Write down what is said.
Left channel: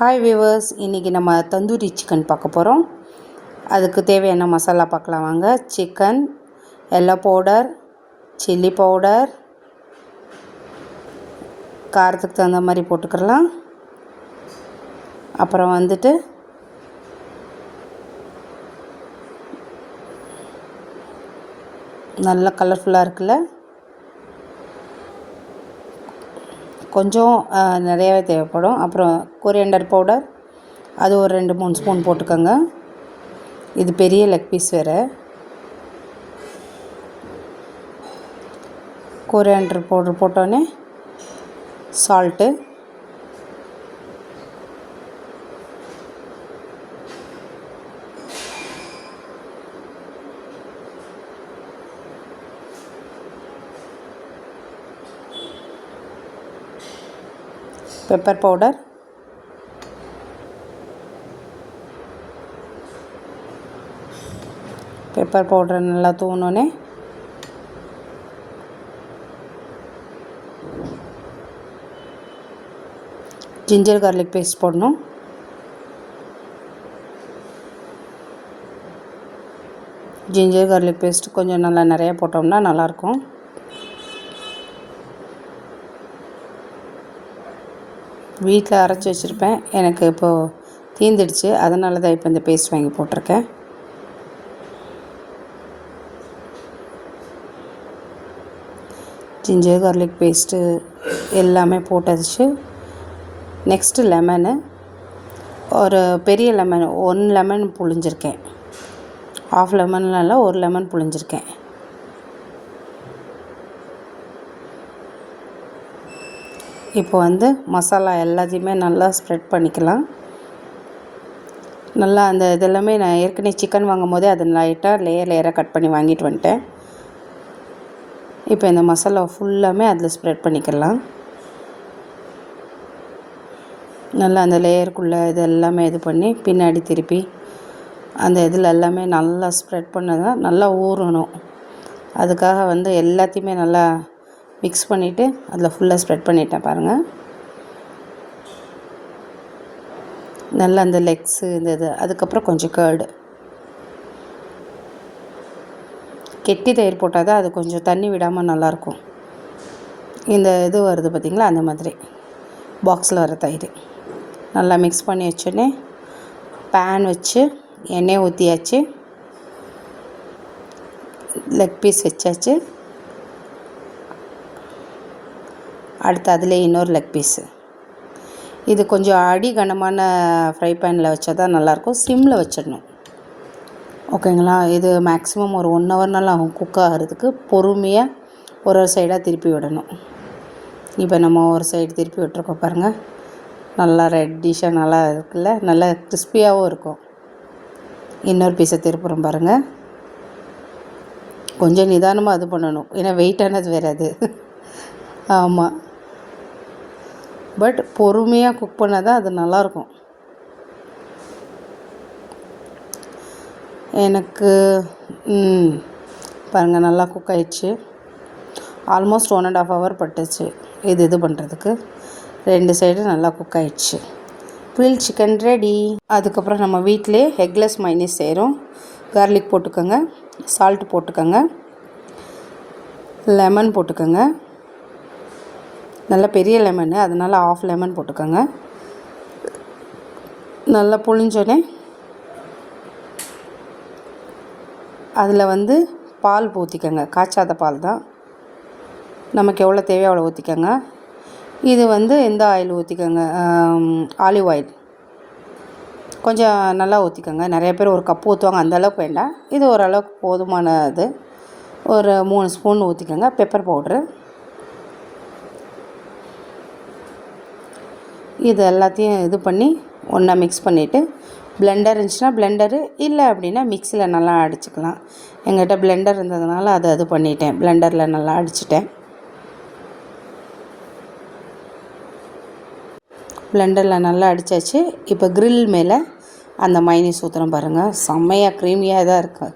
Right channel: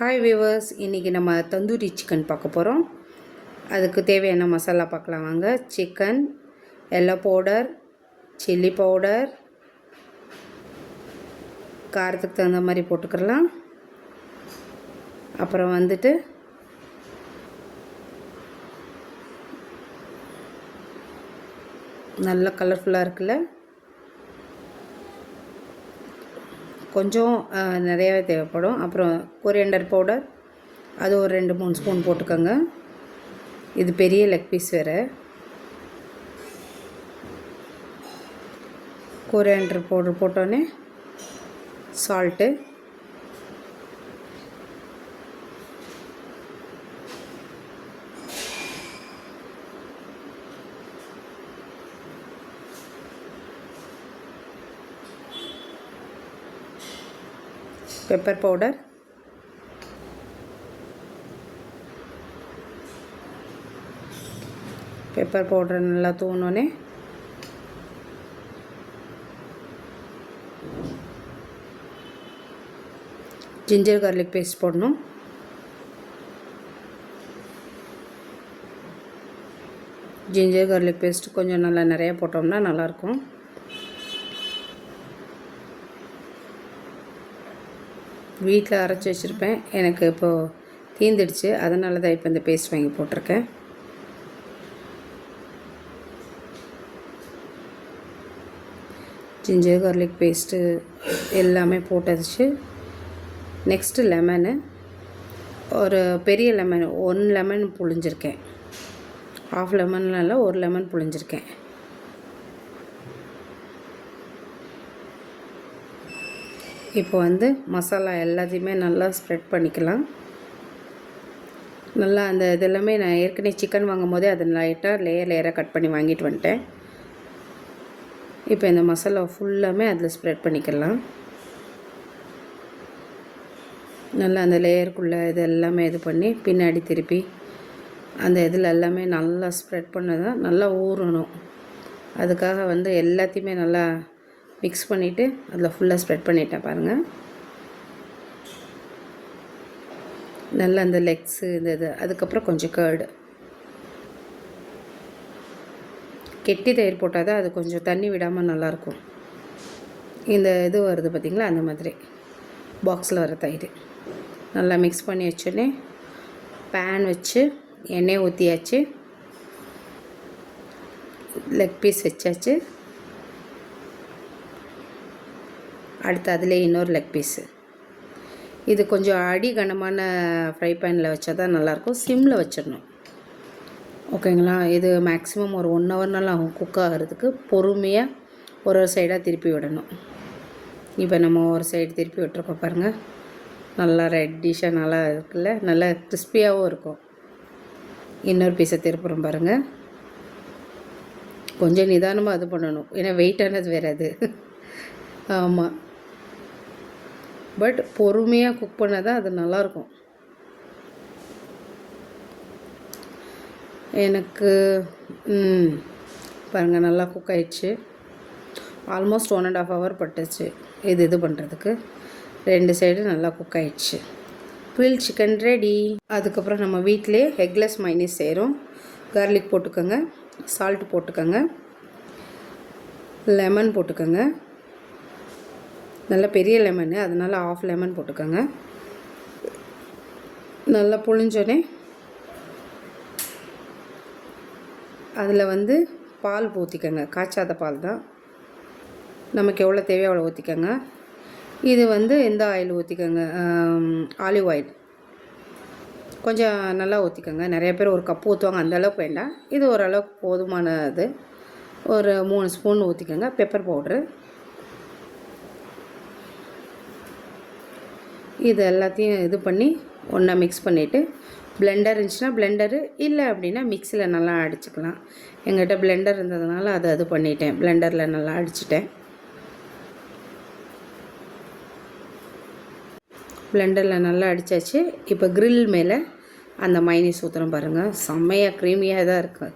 Hi viewers, இன்றைக்கி நம்ம tandoori chicken பார்க்க போகிறோம். அதுக்கு தேவையான மசாலா பார்க்கலாம் வாங்க. Chicken, yellow powder, chilli powder, காரத்துக்கு தகுந்த மாதிரி போட்டுக்கலாம். அப்புறம் வந்துட்டு நல்லா கலர்ஃபுல்லாக இருக்குல்ல, கொஞ்சம் நிறையாவே தேவைப்படும். அப்புறம் கொரியாண்டர் பவுடர், அது ஒரு 2-3 ஸ்பூன் போட்டுக்கோங்க. இது பெரிய லெக் பீஸ் வேறு. கொரியாண்டர் பவுடர் போட்டோன்னே salt, pepper powder, pepper powder நல்லா தூவினோன்னே ஜிஞ்சர் கார்லிக் பேஸ்ட் போடணும். ஜிஞ்சர் கார்லிக் பேஸ்ட் கொஞ்சம் நல்லா நிறையா போட்டோம்னா நல்லாயிருக்கும். வீட்டில் அரைச்சி வச்சுருப்பேன், எனக்கு இப்போது தீந்துடுச்சு, அதனால தான் இப்போ இந்த பேஸ்ட் வாங்கி போட்டிருக்கேன். ஜிஞ்சர் கார்லிக் பேஸ்ட்டு எல்லாமே போட்டாச்சு. நெக்ஸ்ட்டு லெமனு, ஒரு பெரிய லெமன் 1 லெமன் புழிஞ்சிருக்கேன். 1/2 லெமன்லாம் 1 லெமன் புழிஞ்சிருக்கேன். இப்போ வந்து மசாலா எல்லாத்தையுமே நல்லா ஸ்ப்ரெட் பண்ணிக்கலாம். நல்லா அந்த இதெல்லாமே நான் ஏற்கனவே சிக்கன் வாங்கும் போதே அதை லைட்டாக லேயராக கட் பண்ணி வாங்கிட்டு வந்துட்டேன். இப்போ இந்த மசாலா ஃபுல்லாமே அதில் ஸ்ப்ரெட் பண்ணிக்கலாம். நல்லா அந்த லேயருக்குள்ளே இது எல்லாமே இது பண்ணி பின்னாடி திருப்பி அந்த இதில் எல்லாமே நல்லா ஸ்ப்ரெட் பண்ணதான் நல்லா ஊறணும். அதுக்காக வந்து எல்லாத்தையுமே நல்லா மிக்ஸ் பண்ணிவிட்டு அதில் ஃபுல்லாக ஸ்ப்ரெட் பண்ணிட்டேன் பாருங்கள். நல்லா அந்த லெக்ஸு இந்த இது, அதுக்கப்புறம் கொஞ்சம் கர்டு, கெட்டி தயிர் போட்டால் தான் அது கொஞ்சம் தண்ணி விடாமல் நல்லாயிருக்கும். இந்த இது வருது பார்த்திங்களா, அந்த மாதிரி பாக்ஸில் வர தயிர் நல்லா மிக்ஸ் பண்ணி வச்சோன்னே பேன் வச்சு எண்ணெய் ஊற்றியாச்சு, லெக் பீஸ் வச்சாச்சு. அடுத்து அதிலே இன்னொரு லெக் பீஸு. இது கொஞ்சம் அடி கனமான ஃப்ரை பேனில் வச்சா தான் நல்லாயிருக்கும். சிம்மில் வச்சிடணும், ஓகேங்களா. இது மேக்ஸிமம் ஒரு 1 ஹவர்னாலும் ஆகும் குக் ஆகிறதுக்கு. பொறுமையாக ஒரு சைடாக திருப்பி விடணும். இப்போ நம்ம ஒரு சைடு திருப்பி விட்டுருக்கோம் பாருங்கள், நல்லா ரெட்டிஷாக நல்லா இருக்குல்ல, நல்லா கிறிஸ்பியாகவும் இருக்கும். இன்னொரு பீஸை திருப்புறோம் பாருங்கள். கொஞ்சம் நிதானமாக இது பண்ணணும், ஏன்னா வெயிட்டானது வேறு அது. ஆமாம், பட் பொறுமையாக குக் பண்ணால் தான் அது நல்லாயிருக்கும். எனக்கு பாருங்கள் நல்லா குக் ஆகிடுச்சு. ஆல்மோஸ்ட் 1.5 ஹவர் பட்டுச்சு இது பண்ணுறதுக்கு. 2 சைடு நல்லா குக் ஆகிடுச்சு. Grill chicken ready. அதுக்கப்புறம் நம்ம வீட்டிலே எக்லெஸ் மைனஸ் செய்கிறோம். கார்லிக் போட்டுக்கோங்க, சால்ட் போட்டுக்கோங்க, லெமன் போட்டுக்கோங்க. நல்ல பெரிய லெமனு, அதனால் 1/2 லெமன் போட்டுக்கோங்க. நல்லா புழிஞ்சோடனே அதில் வந்து பால் ஊற்றிக்கோங்க. காய்ச்சாத பால் தான், நமக்கு எவ்வளோ தேவையோ அவ்வளோ ஊற்றிக்கோங்க. இது வந்து எந்த ஆயில் ஊற்றிக்கோங்க, ஆலிவ் ஆயில் கொஞ்சம் நல்லா ஊற்றிக்கோங்க. நிறைய பேர் 1 கப்பு ஊற்றுவாங்க, அந்தளவுக்கு வேண்டாம். இது ஓரளவுக்கு போதுமான இது. ஒரு 3 ஸ்பூன் ஊற்றிக்கோங்க. பெப்பர் பவுட்ரு, இது எல்லாத்தையும் இது பண்ணி ஒன்றா மிக்ஸ் பண்ணிவிட்டு, பிளெண்டர் இருந்துச்சுன்னா பிளெண்டரு, இல்லை அப்படின்னா மிக்ஸியில் நல்லா அடிச்சுக்கலாம். எங்கிட்ட பிளெண்டர் இருந்ததுனால அது பண்ணிட்டேன், பிளெண்டரில் நல்லா அடிச்சிட்டேன். பிளெண்டரில் நல்லா அடித்தாச்சு. இப்போ க்ரில் மேலே அந்த மைனஸ் ஊற்றுறோம் பாருங்கள், செம்மையாக க்ரீமியாக தான் இருக்குது.